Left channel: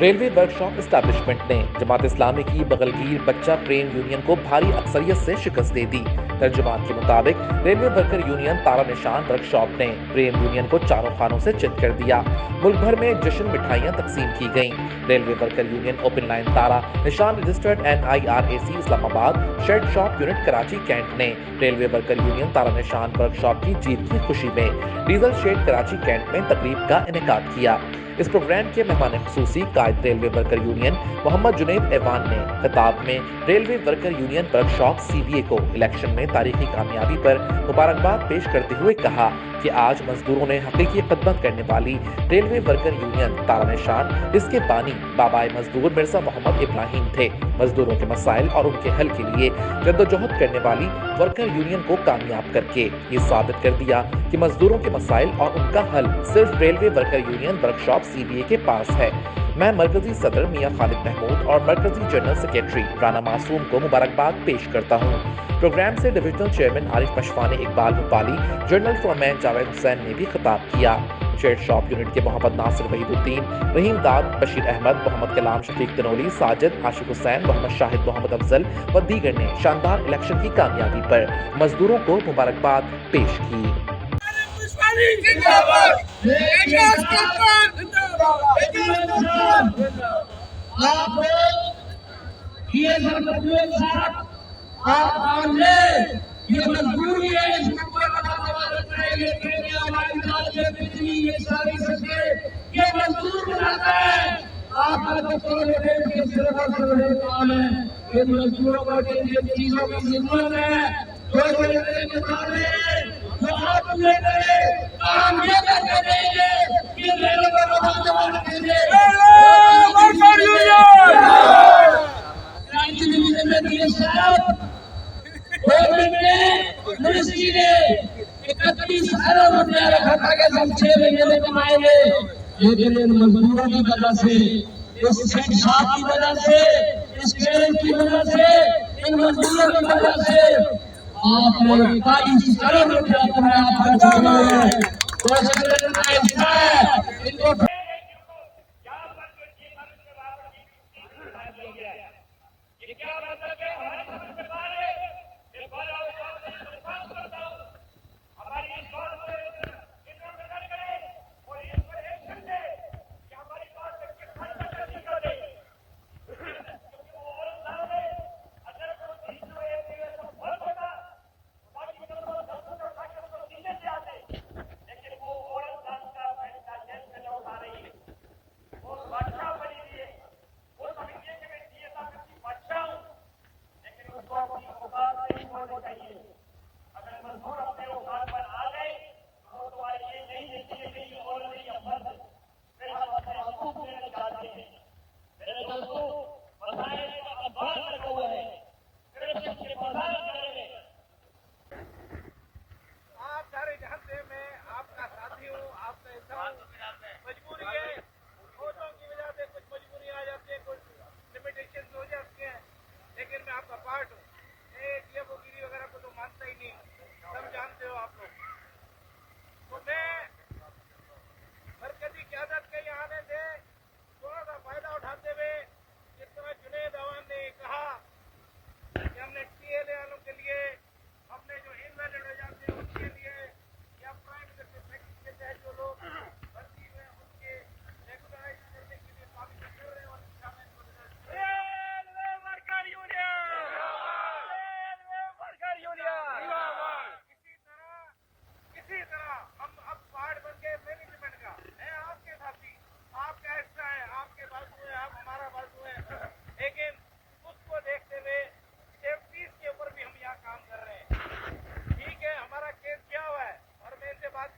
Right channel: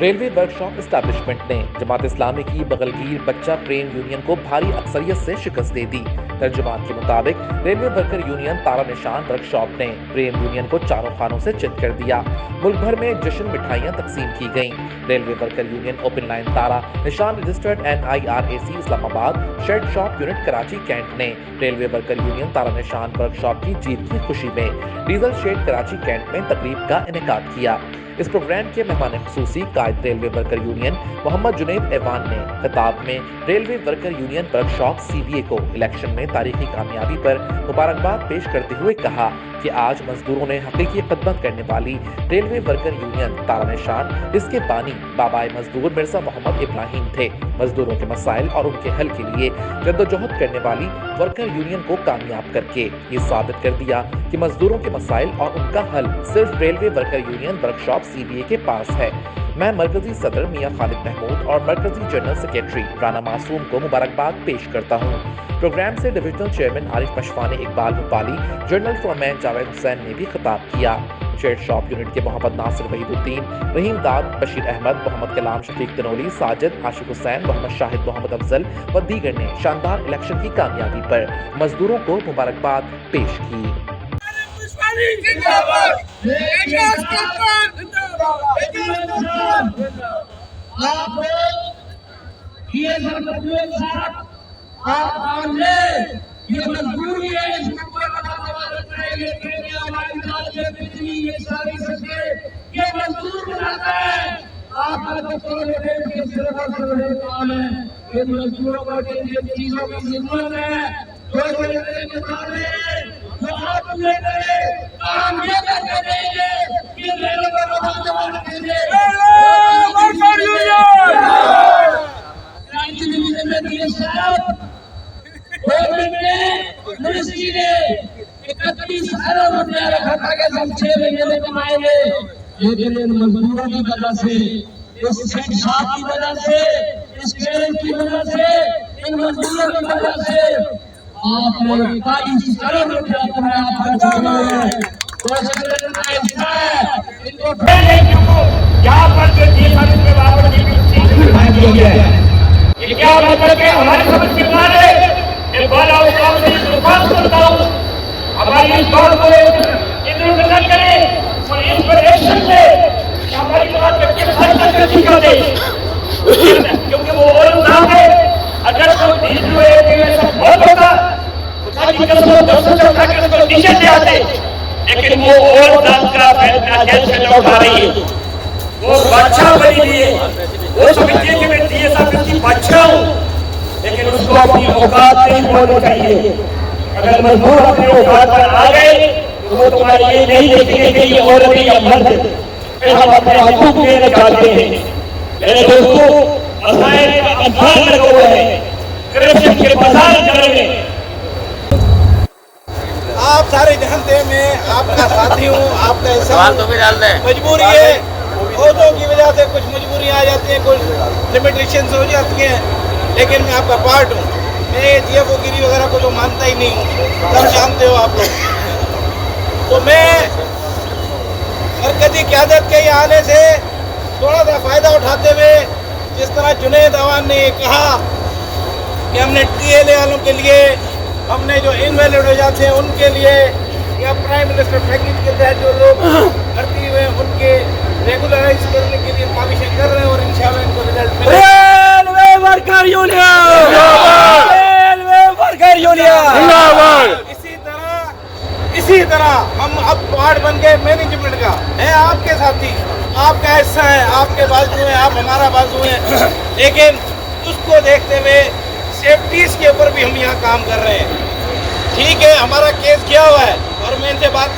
Railway workshop establishment ने जमात इस्लामी की बगलगीर बच्चा प्रेम यूनियन को भारी अक्सरियत से शिकस्त दे दी। तर्जुमान के मुताबिक रेलवे वर्कर यूनियन तारा निशान वर्कशॉप ने प्रेम यूनियन को चारों खानों से चित कर दिया। मुल्क भर में जश्न मिठाइयां तकसीम की गईं। Railway worker union open line तारा निशान registered NIRAC Islamabad shed shop unit Karachi Cantt ने रेलवे वर्कर यूनियन तारा निशान वर्कशॉप की जीत की खुशी में डीजल शेड कराची कैंट में तकरीब का इनेकाद किया। इस प्रोग्राम के मेहमान खुसूसी कायद railway worker union Mohammad Junaid Awan ने खिताब में railway worker union workshop CBA को इलेक्शन में तारीखी कामयाबी पर मुबारकबाद पेश करते हुए कहा कि आज मजदूरों ने हकीकी खिदमत करने वाली रेलवे वर्कर यूनियन तारा निशान इसके बानी बाबाए मजदूर मिर्जा मोहम्मद इब्राहिम थे। मजदूरों के मसाइल और उनके हल के लिए जद्दोजहद करने वाली वर्कर यूनियन को कामयाब करके ये साबित कर दिया कि मजदूरों के मसाइल और उनका हल सिर्फ railway worker union workshop CBA के पास है। मैं मरकजी सदर मियां खालिद महमूद और मरकजी जनरल सेक्रेटरी राना मासूम को मुबारकबाद पेश करता हूँ। प्रोग्राम से डिविजनल चेयरमैन आरिफ पशवाने इकबाल भोपाली, जनरल फोरमैन जावेद हुसैन ने भी खिताब किया। शेड शॉप यूनिट के मोहम्मद नासिर वहीदुद्दीन, रहीम दाद, बशीर अहमद, मोहम्मद कलाम, शफीक तनोली, साजिद, आशिक हुसैन, मोहम्मद शाहिद, मोहम्मद अफजल व दीगर ने शानदार इलेक्शन की कामयाबी पर मजदूरों को मुबारकबाद पेश की। ये मजबूरी है, इस ये सारी सके ये मजबूर बनाता है। आप ये मजदूरों को जिन चीजों की जरूरत है जो आप काम ये करके देंगे कि रेलवे मिनिस्ट्री ने 31 अरब रुपया रखा था कि हम 6 महीने में कमाएंगे, लेकिन इन मजदूरों की वजह से, इस शॉप की वजह से, इस ट्रेन की वजह से, इन मजदूरों की वजह से आपने 22 अरब रुपया कमाया खर्च किया है। इनको यहाँ पर जो ये क्या मतलब है हमारे समझ के बाहर है। हमारी इस बात को इधर न करें और इस पर एक्शन ले हमारी बात कर दे, क्योंकि वो और नाम है। अगर बहुत होता नीचे से आते, लेकिन वो और का उठा रही है। वो बादशाह बनी हुई है, वो समझती है कि मैं DSR की बादशाह हूँ, लेकिन उसको अपनी औकात नहीं बोलनी चाहिए। अगर मजदूर अपनी औकात पर आ गए तो वो तुम्हारे ये नहीं देखेंगे कि ये औरत या मर्द, फिर हम अपने हकूक देना चाहते हैं। मेरे दोस्तों, मसाइल का अंधार लगा हुआ है, करप्शन के बाजार चल रहे हैं। आप सारे जानते हैं, मैं आपका साथी हूँ, आपका हिस्सा। मजबूरी है, औरतों की वजह से कुछ मजबूरियाँ आ जाती हैं, कुछ लिमिटेशंस हो जाती हैं, लेकिन मैं आपका पार्ट हूँ। मैं TFO गिरी वगैरह को तो मानता ही नहीं हूँ, सब जानते हो आप लोग। तो मैं मरकजी क़यादत के आने से थोड़ा सा फ़ायदा उठाते हुए, जिस तरह जुनैद ऐवान ने कहा कि हमने TLA वालों के लिए, हमने जो इनवैलिड हो जाते हैं उनके लिए, या प्राइम मिनिस्टर पैकेज के तहत जो लोग भर्ती हुए उनके रेगुलराइज करने के लिए काविशें कर रहे हैं और इंशाल्लाह इनको रिजल्ट मिलेगा। Railway worker union, railway worker union. इसी तरह तरह हम अब पार्ट बन गए मैनेजमेंट का, है आपके साथी, आपका हिस्सा है, आपके बाजू है, आप हमारा बाजू है, लेकिन उसको देखते हुए सेफ्टीज के ऊपर भी हम यहाँ काम कर रहे हैं। ठीक है, हमारा केस किया हुआ है और मैं इनसे बात